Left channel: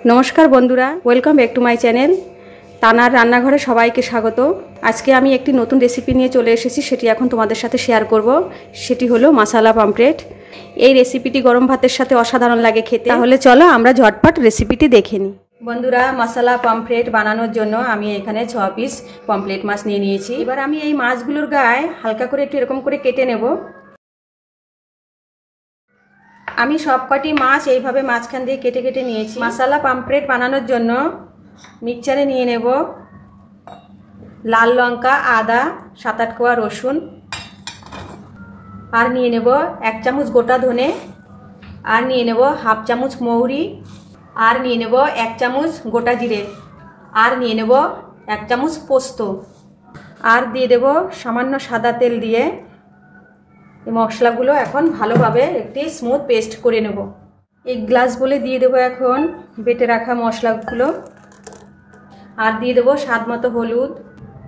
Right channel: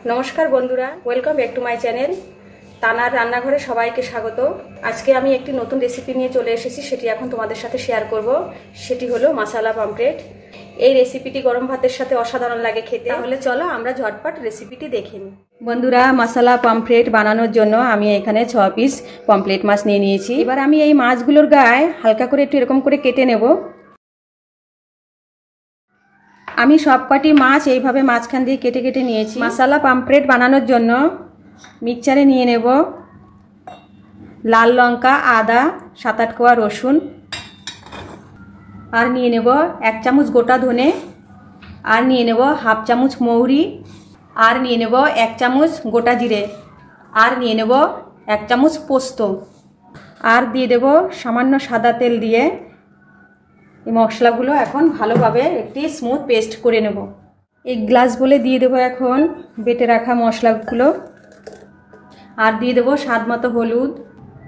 नमस्कार बंधुरा welcome back to my channel तानार रान्नाघरे सबाइके स्वागत। आज के आमी एकटी नतून रेसिपि निये चले एसेछि सेटी एखन तोमादेर साथे शेयर करब। सेटी हलो मसाला पमफ्रेट। এই রেসিপিটি গরম ভাতের সাথে অসাধারণ লাগে খেতে। তাহলে চলো আমরা ঝটপট রেসিপিটি দেখে নিই। বন্ধুরা মশলা পমফ্রেট বানানোর জন্য আমি এখানে 6 পিস পমফ্রেট মাছ নিয়ে নিয়েছি। এবার আমি এই মাছগুলোর গায়ে হালকা করে একটু এরকম করে কেটে নেব। আমি সবকটি মাছ এইভাবে মাঝখান দিয়ে কেটে কেটে নিয়েছি। মশলা পমফ্রেট বানানোর জন্য মিক্সচারে নিয়ে নেব লাল লঙ্কা, আদা, 7-8 কোয়া রসুন, আর নিয়ে নেব 1 চামচ গোটা ধনে, আর নিয়ে নেব হাফ চামচ মৌরি, আর নিয়ে নেব 1 চামচ গোটা জিরে, আর নিয়ে নেব 1 চামচ পোস্ত, আর দিয়ে দেব সামান্য সাদা তেল দিয়ে এই মশলাগুলো এখন ভালোভাবে একটি স্মুথ পেস্ট করে নেব। এক গ্লাস বলে দিয়ে দেব এখন বেটে রাখা মশলাগুলো, আর দিয়ে দেব স্বাদ মতো হলুদ,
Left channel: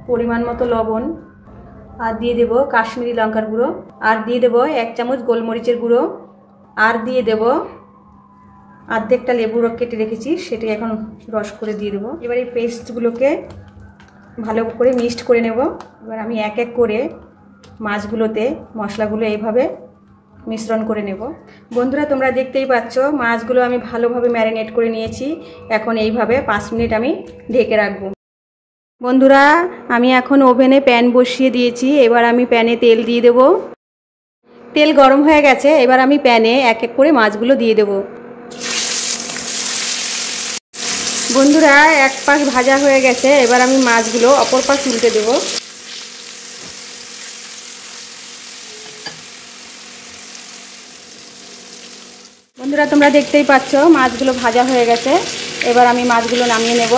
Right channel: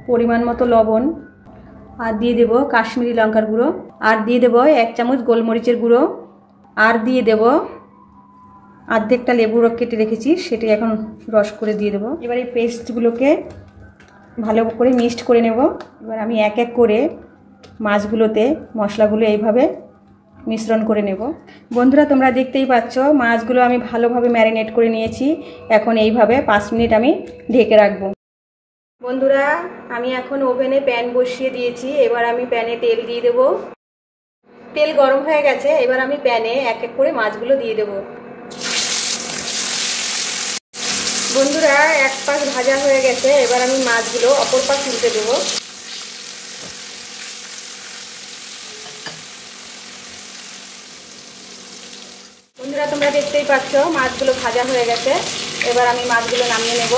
পরিমাণ মতো লবণ, আর দিয়ে দেব কাশ্মীরি লঙ্কার গুঁড়ো, আর দিয়ে দেব 1 চামচ গোলমরিচের গুঁড়ো, আর দিয়ে দেব অর্ধেকটা লেবু কেটে রেখেছি সেটি এখন রস করে দিয়ে দেব। এবার এই পেস্টগুলোকে ভালো করে মিক্সড করে নেব। এবার আমি এক এক করে মাছগুলোতে মশলাগুলো এইভাবে মিশ্রণ করে নেব। বন্ধুরা তোমরা দেখতেই পাচ্ছ মাছগুলো আমি ভালোভাবে ম্যারিনেট করে নিয়েছি। এখন এইভাবে 5 মিনিট আমি ঢেকে রাখবো। বন্ধুরা আমি এখন ওভেনে প্যান বসিয়ে দিয়েছি। এবার আমি প্যানে তেল দিয়ে দেব। তেল গরম হয়ে গেছে। এবার আমি প্যানে এক এক করে মাছগুলো দিয়ে দেব। বন্ধুরা এক পাশ ভাজা হয়ে গেছে। এবার আমি মাছগুলো অপর পাশ উল্টে দেব। বন্ধুরা তোমরা দেখতেই পাচ্ছ মাছগুলো ভাজা হয়ে গেছে। এবার আমি মাছগুলো নামিয়ে নেব।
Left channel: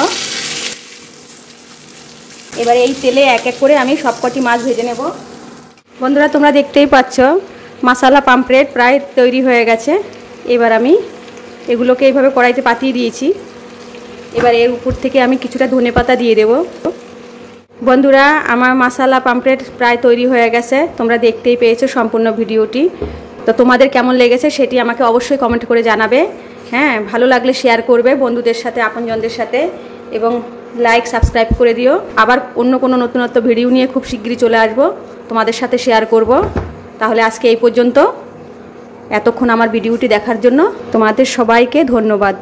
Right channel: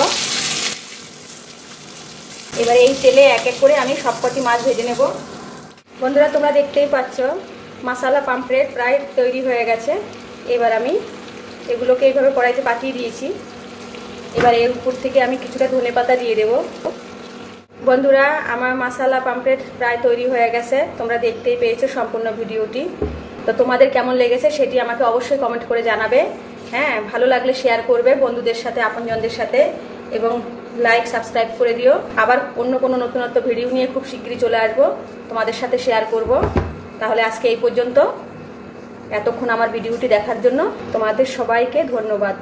এবার এই তেলে এক এক করে আমি সবকটি মাছ ভেজে নেব। বন্ধুরা তোমরা দেখতেই পাচ্ছ মশলা পমফ্রেট প্রায় তৈরি হয়ে গেছে। এবার আমি এগুলোকে এইভাবে কড়াইতে পাতিয়ে দিয়েছি। এবার এর উপর থেকে আমি কিছুটা ধনেপাতা দিয়ে দেব। বন্ধুরা আমার মশলা পমফ্রেট প্রায় তৈরি হয়ে গেছে। তোমরা দেখতেই পেয়েছো সম্পূর্ণ ভিডিওটি। তো তোমাদের কেমন লেগেছে সেটি আমাকে অবশ্যই কমেন্ট করে জানাবে। হ্যাঁ, ভালো লাগলে শেয়ার করবে বন্ধুদের সাথে, আপনজনদের সাথে, এবং লাইক সাবস্ক্রাইব করে দিও। আবার অন্য কোনো নতুনত্ব ভিডিও নিয়ে খুব শীঘ্রই চলে আসবো, তোমাদের সাথে শেয়ার করব। তাহলে আজকে এই পর্যন্ত। এতক্ষণ আমার ভিডিওটি দেখার জন্য তোমাদের সবাইকে ধন্যবাদ।